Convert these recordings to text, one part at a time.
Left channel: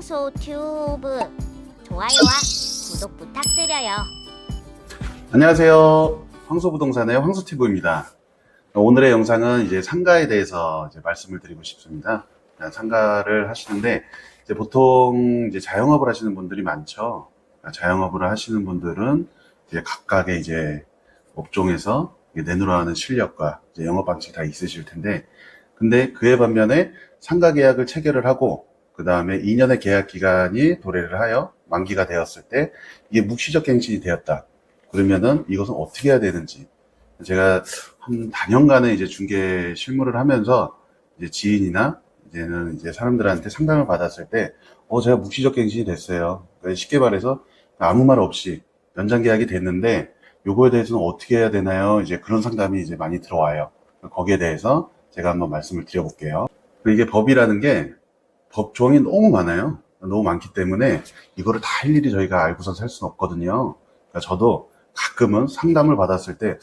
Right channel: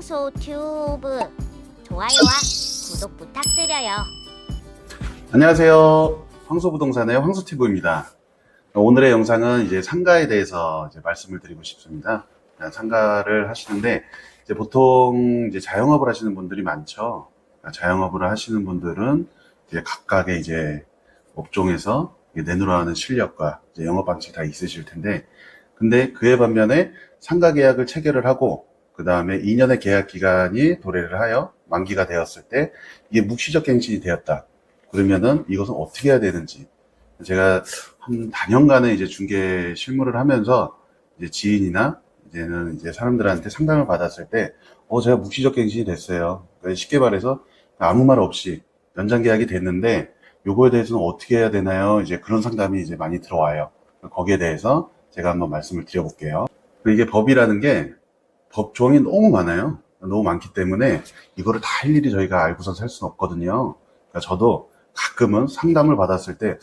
황소튜브 좋아요와 구독 부탁드려요. 안녕하세요. 황소부동산의 황소티브입니다. 오늘의 영상은 이제 상가에 대해서 이제 말씀을 드리고 싶습니다. 상가를 하시는데 이제 보통 이제 자영업을 하시는 분들이 많죠. 자영업을 하시는 분들은 이제 각각의 이제 업종에서 내놓으라는 실력과 이제 영업 방식이 다 있으실 텐데, 근데 그에 반면에 상가 계약을 체결을 하고 그 다음에 2년의 계약 기간이 도래를 하여 만기가 되었을 때 이게 묵시적 갱신이 되었다. 그러면은 이것은 어떻게 해야 되는지, 제가 한 4년간의 이제 중개 실무를 하면서 이제 지인이나 이제는 이제 사람들한테 상담을 받았을 때, 제가 묵시적 갱신이 됐어요. 쉽게 말해서 아무 말 없이 연장 계약이 됐는데 요거에 대해서는 어떻게 해야 되나요? 이제 그런 상담이 이제 많이 들어와요. 거기에 대해서 제가 한번 말씀을 드려볼게요. 이게 법이라는 게 법조항이 너무 많아요. 너무 많기 때문에 이거를 다 일일이 저희가 알고서 살 수는 없거든요. 그러니까 저도 가끔은 상담을 받았을 때,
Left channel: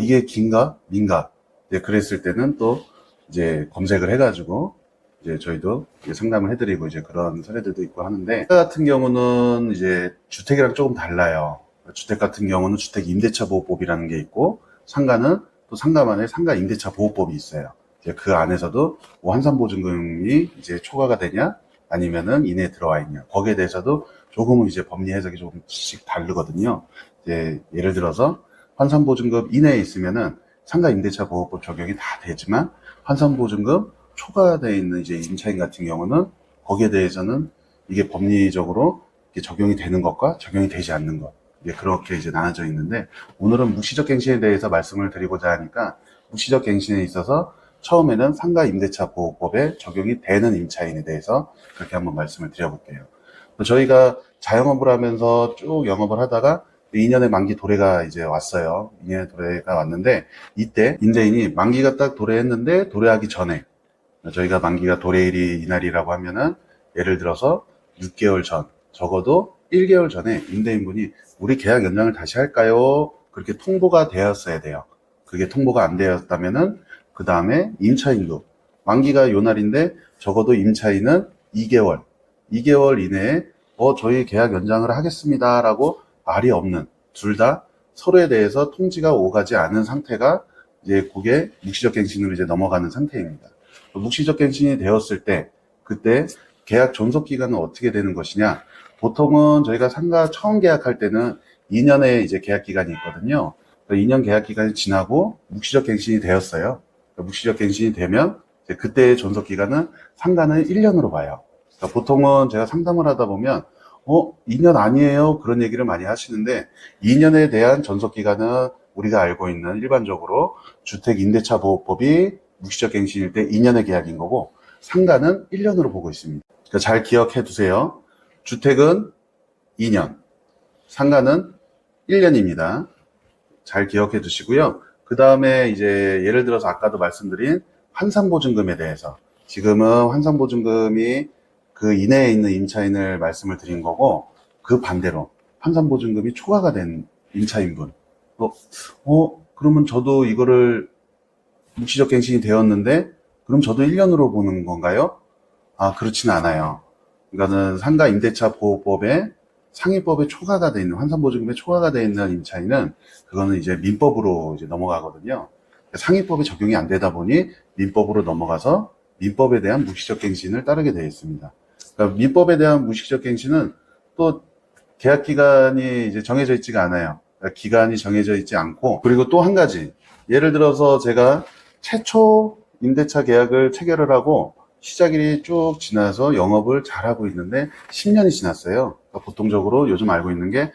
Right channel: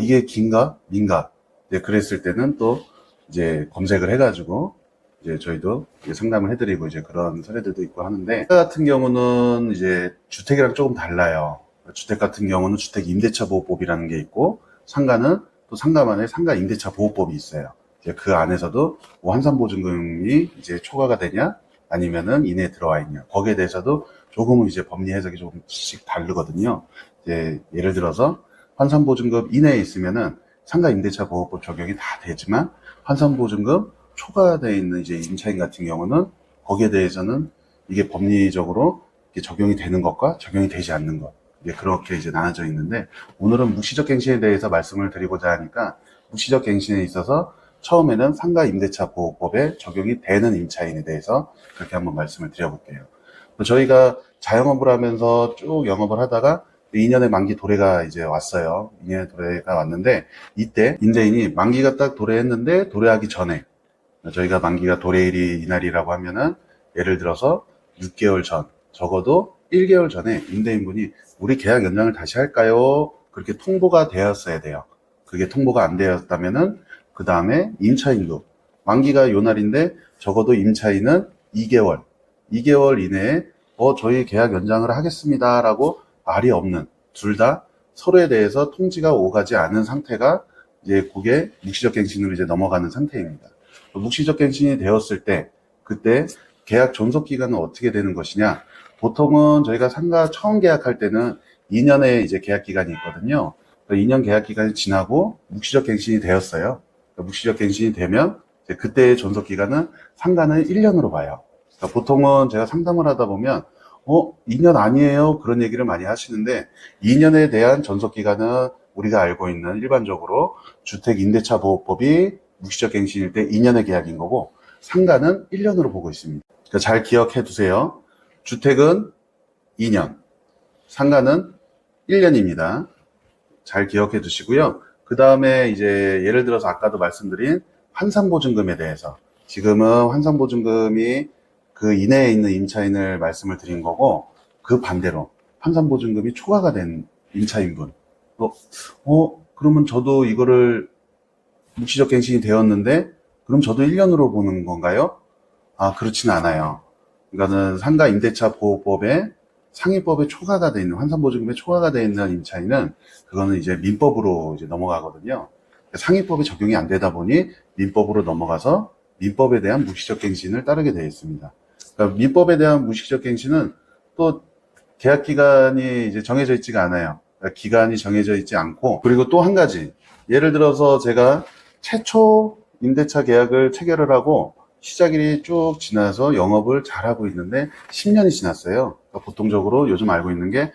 이게 긴가? 민가? 네, 그랬을 때는 또 이제 검색을 해가지고 이제 저희도 이제 상담을 해드리고 이제 그런 사례들도 있고 하는데, 상가 같은 경우는 이제 주택이랑 조금 달라요. 주택 같은 경우는 주택 임대차 보호법이라는 게 있고, 상가는 또 상가만의 상가 임대차 보호법이 있어요. 이제 그 안에서도 뭐 환산보증금이 이제 초과가 되냐, 아니면은 이내에 들어와 있냐, 거기에 대해서도 조금 이제 법리 해석이 조금씩 다르거든요. 이제 예를 들어서 환산보증금 이내에 있으면은 상가 임대차 보호법 적용이 다 되지만, 환산보증금 초과되어 있는 이제 임차인 같은 경우는 거기에 대해서는 이게 법리적으로 적용이 되는 것과 적용이 되지 않는 것, 그렇게 이제 나눠져 있는데, 오늘은 묵시적 갱신에 대해서 말씀을 드리고자 하니까, 묵시적 갱신에 있어서 처음에는 상가 임대차 보호법에 적용이 되는 임차인에 대해서 그렇게 한번 말씀을 드려볼게요. 저희가 자영업을 하면서 쭉 영업을 하다가 2년의 만기 도래가 이제 왔어요. 2년의 도래가 왔는데, 이때 임대인이 만기가 딱 도래했는데, 도래하기 전에 저희가 만기가 도래일이 이날이라고 하면은, 예를 들어서 6개월 전, 적어도 1개월 전에 임대인분이 우리 계약 연장을 다시 할까요? 그렇게 통보가 되었어야 돼요. 그게 통보가 안 되었다면은 그 다음에 임차인도 만기가 요 날인데 적어도 임차인은 2개월 이내에 저희 계약 연장을 하겠습니다 라고 말이 없는, 둘 다 서로에 대해서 통지가 오가지 않은 상태가 이제 그게 묵시적 갱신으로 이제 넘어가는 상태입니다. 묵시적 갱신이 되었을 때 그때 계약 존속 기간은 어떻게 되는 것이냐? 보통은 저희가 상가 처음 계약할 때는 2년의 이제 계약 기간이 있거든요. 2년 계약 기간이 지나고 묵시적 갱신이 되었어요. 묵시적 갱신이 되면 그때의 존속 기간은 상가는 1년으로 봐요. 그러니까 보통은 제가 상담을 하다 보면 2년 아니에요, 그런 얘기를 많이 하시는데, 2년에 대한 존속 기간은 우리가 알고 있는 일반적으로 주택 임대차 보호법이 묵시적 갱신일 때 2년의 계약인 거고, 상가는 1년으로 보고 있습니다. 그러니까 잘 기억해 두세요. 주택은 2년, 상가는 1년입니다. 잘 기억해 두시고요. 그 다음에 이제 예를 들어서 아까도 말씀드린 환산보증금에 대해서, 지금은 환산보증금이 그 이내에 있는 임차인을 말씀을 드린 거고, 그 반대로 환산보증금이 초과가 된 임차인분, 그러면 저도 이거를 묵시적 갱신이 되었는데 그럼 저도 1년으로 보는 건가요? 그렇지는 않아요. 이거는 상가 임대차 보호법에 상위법에 초과가 되어 있는, 환산보증금에 초과가 되어 있는 임차인은 그거는 이제 민법으로 이제 넘어가거든요. 상위법에 적용이 안 되다 보니 민법으로 넘어가서 민법에 대한 묵시적 갱신을 따르게 되어 있습니다. 그러니까 민법에 대한 묵시적 갱신은 또 계약 기간이 이제 정해져 있지가 않아요. 그러니까 기간이 정해져 있지 않고, 그리고 또 한 가지, 예를 들어서 제가 최초 임대차 계약을 체결을 하고 시작일이 쭉 지나서 영업을 잘하고 있는데 10년이 지났어요. 그러니까 보통적으로 요즘 알고 있는 게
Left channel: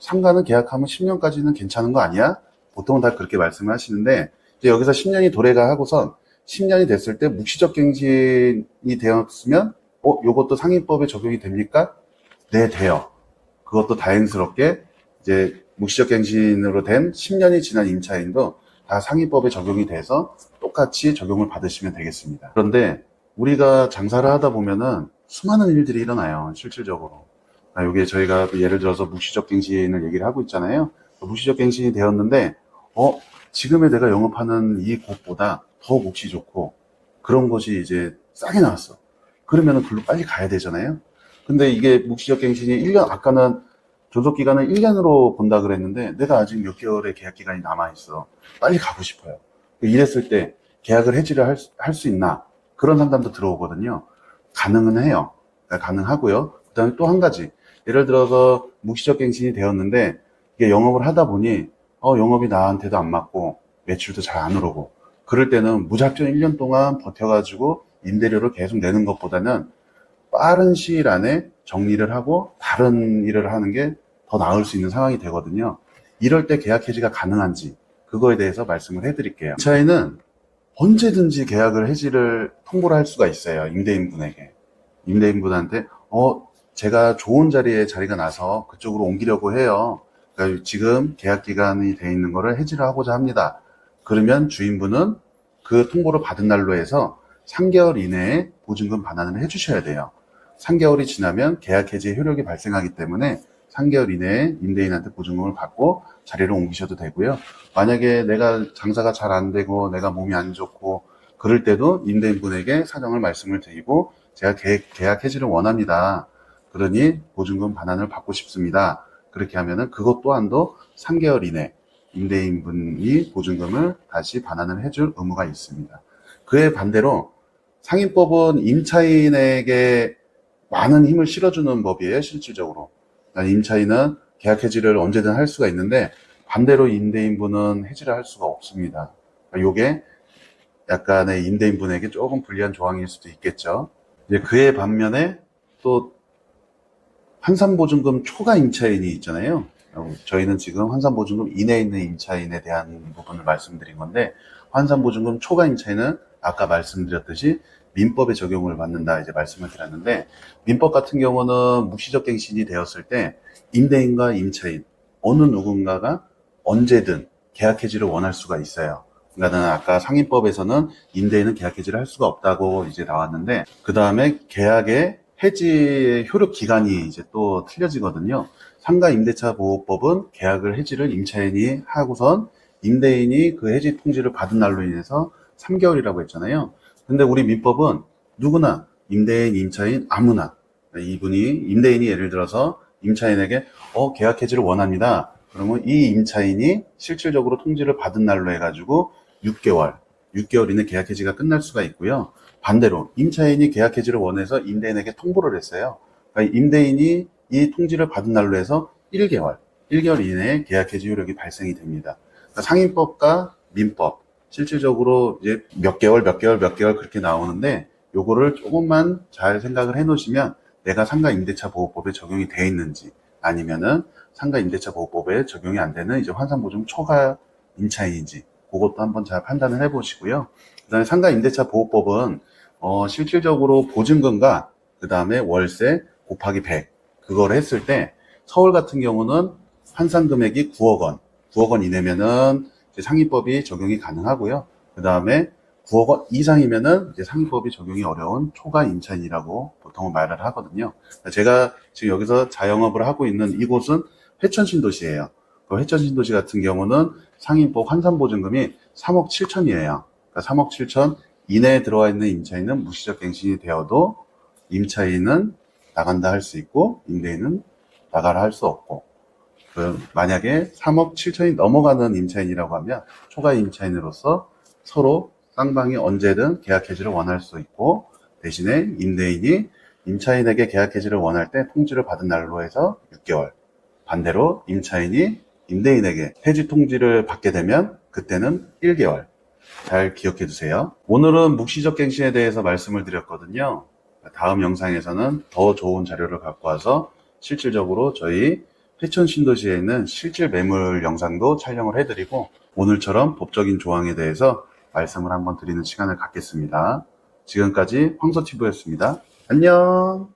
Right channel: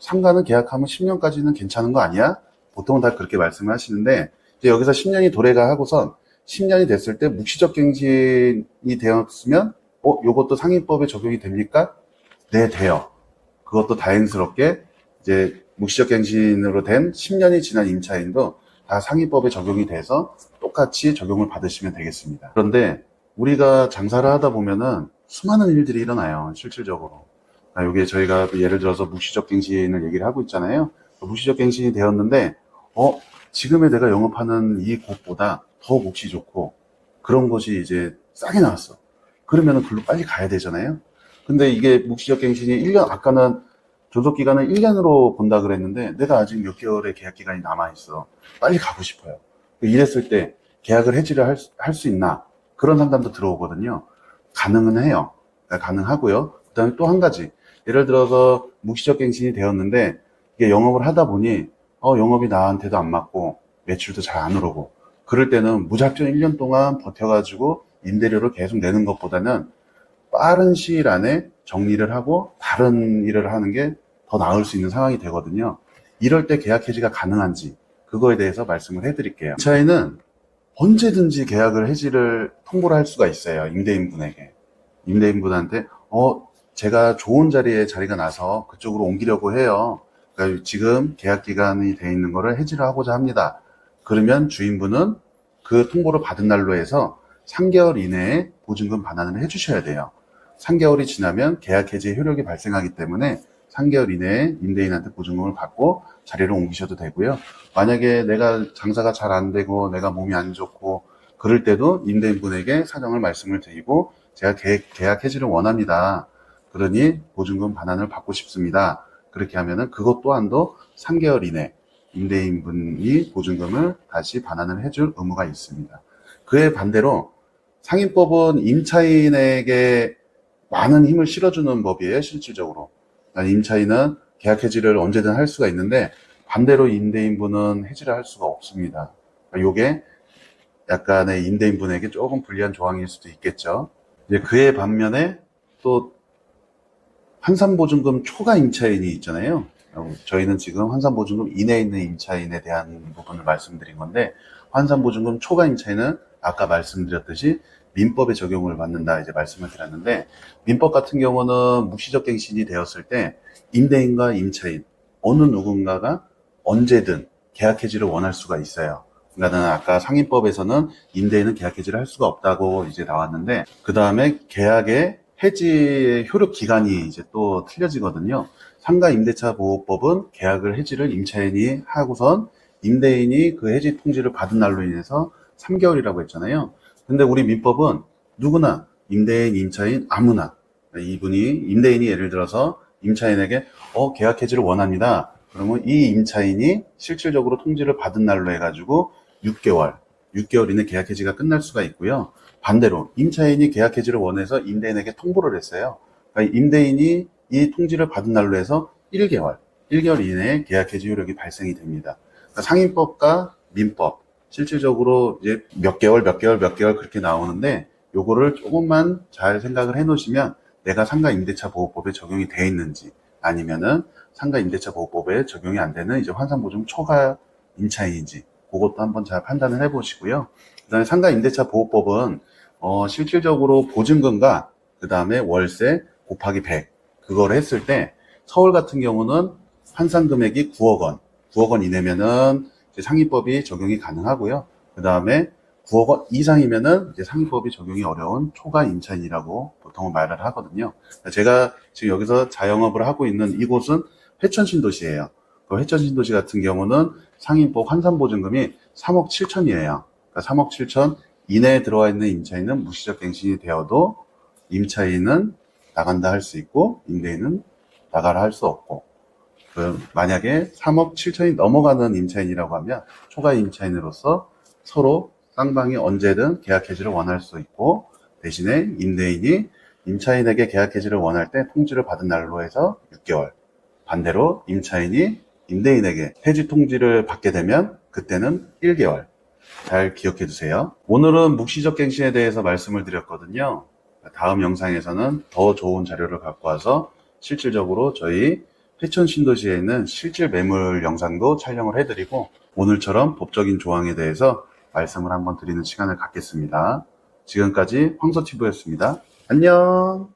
상가는 계약하면 10년까지는 괜찮은 거 아니야? 보통은 다 그렇게 말씀을 하시는데, 이제 여기서 10년이 도래가 하고선 10년이 됐을 때 묵시적 갱신이 되었으면 요것도 상위법에 적용이 됩니까? 네, 돼요. 그것도 다행스럽게 이제 묵시적 갱신으로 된 10년이 지난 임차인도 다 상위법에 적용이 돼서 똑같이 적용을 받으시면 되겠습니다. 그런데 우리가 장사를 하다 보면은 수많은 일들이 일어나요, 실질적으로. 이게 저희가 예를 들어서 묵시적 갱신을 얘기를 하고 있잖아요. 묵시적 갱신이 되었는데 지금의 내가 영업하는 이 곳보다 더 묵시 좋고 그런 것이 이제 싸게 나왔어. 그러면은 별로 빨리 가야 되잖아요. 근데 이게 묵시적 갱신이 1년, 아까는 존속기간을 1년으로 본다 그랬는데 내가 아직 몇 개월의 계약기간이 남아있어. 빨리 가고 싶어요. 이랬을 때 계약을 해지를 할 수 있나? 그런 상담도 들어오거든요. 가능은 해요. 가능하고요. 그 다음에 또 한 가지. 예를 들어서 묵시적 갱신이 되었는데 이게 영업을 하다 보니 영업이 나한테도 안 맞고 매출도 잘 안 오르고 그럴 때는 무작정 1년 동안 버텨가지고 임대료를 계속 내는 것보다는 빠른 시일 안에 정리를 하고 다른 일을 하는 게 더 나을 수 있는 상황이 되거든요. 이럴 때 계약 해지가 가능한지 그거에 대해서 말씀을 해드릴게요. 이 차이는 언제든지 계약을 해지를 통보를 할 수가 있어요. 임대인분에게. 임대인분한테 제가 좋은 자리가 나서 그쪽으로 옮기려고 해요. 그러니까 지금 계약 기간이 돼 있는 거를 해지를 하고자 합니다. 그러면 주인분은 그 통보를 받은 날로 해서 3개월 이내에 보증금 반환을 해주셔야 돼요. 3개월이 지나면 계약 해지의 효력이 발생하기 때문에 3개월 이내에 임대인한테 보증금을 받고 자리로 옮기셔도 되고요. 만약에 내가 장사가 잘 안 되고 내가 몸이 안 좋고 그럴 때도 임대인분에게 사정을 말씀을 드리고 제가 계약 해지를 원합니다. 그러니 보증금 반환을 받고 싶습니다. 그렇게 하면은 그것 또한도 3개월 이내 임대인분이 보증금을 다시 반환을 해줄 의무가 있습니다. 그에 반대로 상인법은 임차인에게 많은 힘을 실어주는 법이에요, 실질적으로. 임차인은 계약 해지를 언제든 할 수가 있는데 반대로 임대인분은 해지를 할 수가 없습니다. 이게 약간의 임대인분에게 조금 불리한 조항일 수도 있겠죠. 이제 그에 반면에 또 환산보증금 초과 임차인이 있잖아요. 저희는 지금 환산보증금 이내에 있는 임차인에 대한 부분을 말씀드린 건데 환산보증금 초과 임차인은 아까 말씀드렸듯이 민법에 적용을 받는다 이제 말씀을 드렸는데 민법 같은 경우는 묵시적 갱신이 되었을 때 임대인과 임차인 어느 누군가가 언제든 계약 해지를 원할 수가 있어요. 그러니까 아까 상인법에서는 임대인은 계약 해지를 할 수가 없다고 이제 나왔는데 그 다음에 계약의 해지의 효력 기간이 이제 또 틀려지거든요. 상가 임대차 보호법은 계약을 해지를 임차인이 하고선 임대인이 그 해지 통지를 받은 날로 인해서 3개월이라고 했잖아요. 근데 우리 민법은 누구나 임대인, 임차인 아무나 이분이 임대인이 예를 들어서 임차인에게 계약 해지를 원합니다. 그러면 이 임차인이 실질적으로 통지를 받은 날로 해가지고 6개월 이내 계약 해지가 끝날 수가 있고요. 반대로 임차인이 계약 해지를 원해서 임대인에게 통보를 했어요. 그러니까 임대인이 이 통지를 받은 날로 해서 1개월 이내에 계약 해지 효력이 발생이 됩니다. 그러니까 상인법과 민법 실질적으로 이제 몇 개월 그렇게 나오는데 요거를 조금만 잘 생각을 해 놓으시면 내가 상가 임대차 보호법에 적용이 돼 있는지 아니면은 상가 임대차 보호법에 적용이 안 되는 이제 환산보증 초과 임차인인지 그것도 한번 잘 판단을 해 보시고요. 그다음에 상가 임대차 보호법은 실질적으로 보증금과 그다음에 월세 곱하기 100 그걸 했을 때 서울 같은 경우는 환산 금액이 9억 원 이내면은 상위법이 적용이 가능하고요. 그 다음에 9억 원 이상이면은 이제 상위법이 적용이 어려운 초과 임차인이라고 보통은 말을 하거든요. 제가 지금 여기서 자영업을 하고 있는 이곳은 회천신도시예요. 회천신도시 같은 경우는 상위법 환산보증금이 3억 7천이에요. 그러니까 3억 7천 이내에 들어와 있는 임차인은 무시적 갱신이 되어도 임차인은 나간다 할 수 있고 임대인은 나가라 할 수 없고 만약에 3억 7천이 넘어가는 임차인이라고 하면 초과 임차인으로서 서로 쌍방이 언제든 계약 해지를 원할 수 있고 대신에 임대인이 임차인에게 계약 해지를 원할 때 통지를 받은 날로 해서 6개월 반대로 임차인이 임대인에게 해지 통지를 받게 되면 그때는 1개월 잘 기억해 두세요. 오늘은 묵시적 갱신에 대해서 말씀을 드렸거든요. 다음 영상에서는 더 좋은 자료를 갖고 와서 실질적으로 저희 회천 신도시에 있는 실질 매물 영상도 촬영을 해드리고 오늘처럼 법적인 조항에 대해서 말씀을 한번 드리는 시간을 갖겠습니다. 지금까지 황서티브였습니다. 안녕.